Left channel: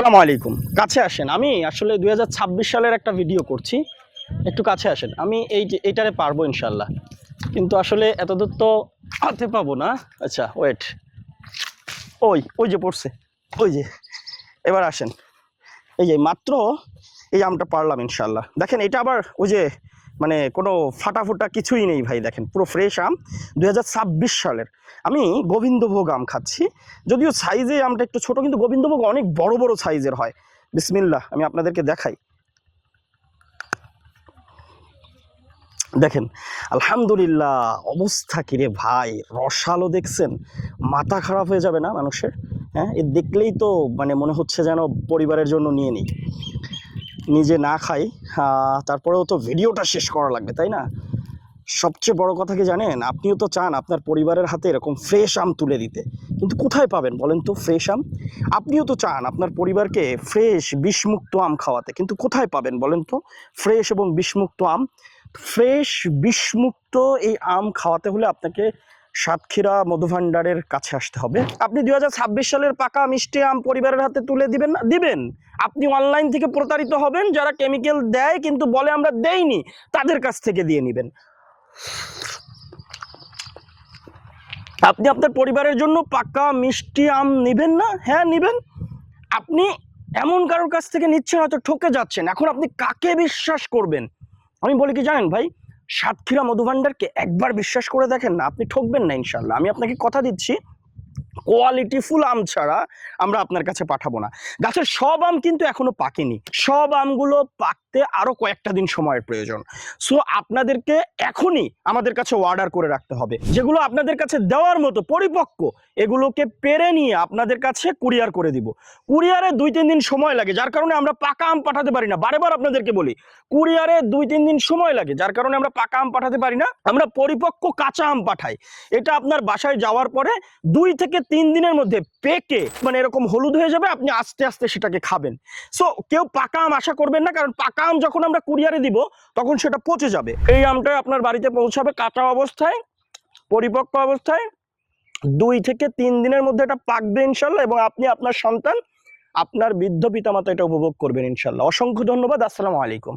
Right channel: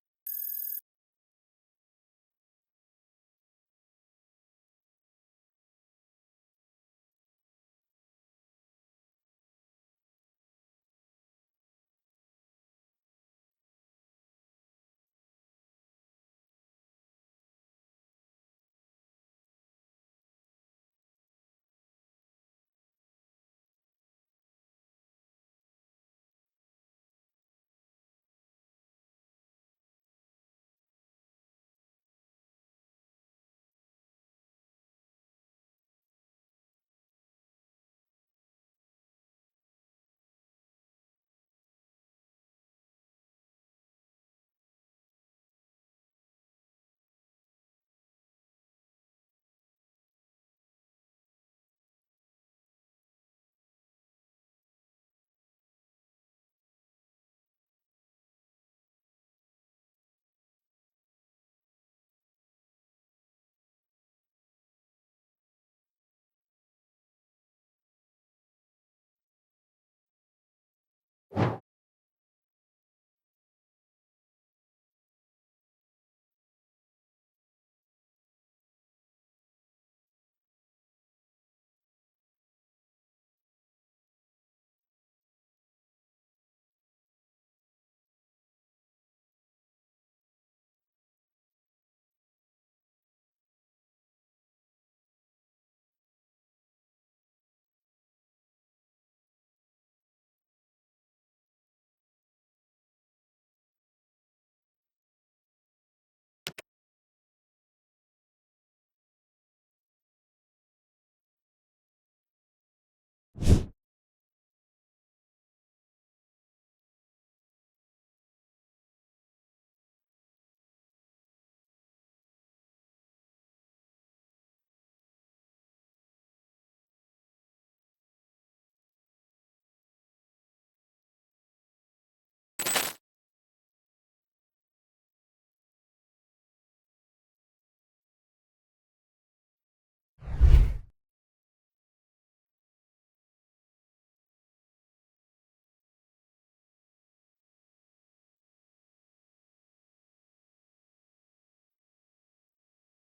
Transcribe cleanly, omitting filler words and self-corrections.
আসসালামু আলাইকুম। কাছে আসেন। আমি আসলে ২০২৬ সালের একটা ভিডিও করছি। একটু কাছে আসেন। আমি এই যে এইটারে পারবো ইনশাআল্লাহ। কিন্তু আসলে এতদূর তো হাতে পাবো না। আচ্ছা ওয়েট। ওই যে পড়ছে। ওই যে। এবার আসেন। এই যে মাত্র এই আমটা পারলাম ইনশাআল্লাহ। দেখেন এটা আবার ওই যে মানে কোনো ফাটা-ফোঁটা কিছুই নেই ভাই দেখেন। পুরো ফ্রেশ আম ২০২৬ সালের। আমি গোবিন্দভোগ আম খাচ্ছি। যদিও সাইজে আমটা একটু ছোট কিন্তু গোবিন্দভোগ অনেক বড়, বড় সাইজের হয়। বিসমিল্লাহ আমি আপনাদেরকে দেখাই। দেখেন আলহামদুলিল্লাহ অবস্থা কি রে ভাই, রসালো দেখছেন? মাথা খারাপ হয়ে যাবে না মানুষের? হ্যাঁ? এ দেখলেই তো মানে মনে হচ্ছে যেন পরিবারের জন্য নিয়ে নিই। নিজে না খাই, তারপরেও তো ভিডিওটা শেষ করা লাগবে, তাই না? সবচেয়ে বড় কথা কি জানেন? আপনিও তো চান আপনার পরিবারের হাতে এরকম ফ্রেশ আম তুলে দিতে। কিন্তু কোথায় পাবেন বলেন তো ফ্রেশ আম? আপনিও তো চান আপনার পরিবারকে ফ্রেশ বিষমুক্ত আম খাওয়াতে। কিন্তু কোথায় পাবেন বলেন তো ফ্রেশ এবং বিষমুক্ত আম? ফ্রেশ বিষমুক্ত এই আম খাওয়াতে হলে আপনাকে সাতক্ষীরা মধুভাণ্ডারের কাছে আসতে হবে। আপনি ২০২৬ সালের পাকা মিষ্টি আম পরিবারের হাতে তুলে দিবেন না? দিবেন। আপনি অনলাইন থেকে প্রতারিত হবেন, যারা কেমিক্যাল দেয় কিন্তু বলে আমরা দেইনি, তাদের কাছ থেকে দিয়ে নিবেন। আপনি আপনার পরিবারের জন্য পাকা মিষ্টি আম নিবেন না? হ্যাঁ নিবেন। আপনি এমন কারোর কাছ থেকে নিচ্ছেন হয়তো ঠকে যাচ্ছেন। এখন আপনি কাকে বিশ্বাস করবেন? আমি বলি কি জানেন ভাই? সাতক্ষীরা মধুভাণ্ডারকে একবার বিশ্বাস করে দেখেন না, আপনি ঠকবেন না ইনশাআল্লাহ। আমি আপনাকে কথা দিচ্ছি কোয়ালিটিফুল আম ছাড়া আমরা আপনার কাছে পাঠাবো না। গাছের সব আম কিন্তু এখনো পাকেনি। সব আমগুলো পাকতে আরো কয়েকটা দিন সময়ের প্রয়োজন। সো আপনাদেরকে এখনই আমাদের কাছে অর্ডার করে রাখতে হবে। যেগুলো আপনাদের কাছে দেওয়ার মতো পরিপক্ক, এগুলোকে পেরে নিয়ে আপনাদের কাছে কুরিয়ার করে দিব। কুরিয়ারে ২-৩ দিন সময় লাগে, যার কারণে আমরা পাকা আম পাঠাতে পারি না। বারেবার আপনাদেরকে বলি, কুরিয়ারে ২-৩ দিন সময় লাগে, যার কারণে আমরা পাকা আম পাঠাতে পারি না। আমরা পরিপক্ক কাঁচা আম পাঠাই। এটা আপনার বাসায় যাওয়ার পরে ২ থেকে ৩ দিনের মধ্যে পেকে মানে এরকম হলুদ হয়ে যাবে, আপনি আস্তে আস্তে সেটাকে খাবেন। সো কেউ পাকা আম আশা করবেন না, কারণ পাকা আম যখন আমরা কুরিয়ারে দিব তখন সেটা পচে যাবে। এই আমটা আপনার বাড়িতে পৌঁছাবে কাঁচা অবস্থায়, পরিপক্ক অবস্থায়। ২ থেকে ৩ দিনের মধ্যে এটা পাকবে ইনশাআল্লাহ, এবং আপনি আপনার সন্তান, আপনার বৃদ্ধ পিতামাতা এটা উপভোগ করবেন ইনশাআল্লাহ। অসংখ্য ধন্যবাদ। আসসালামু আলাইকুম।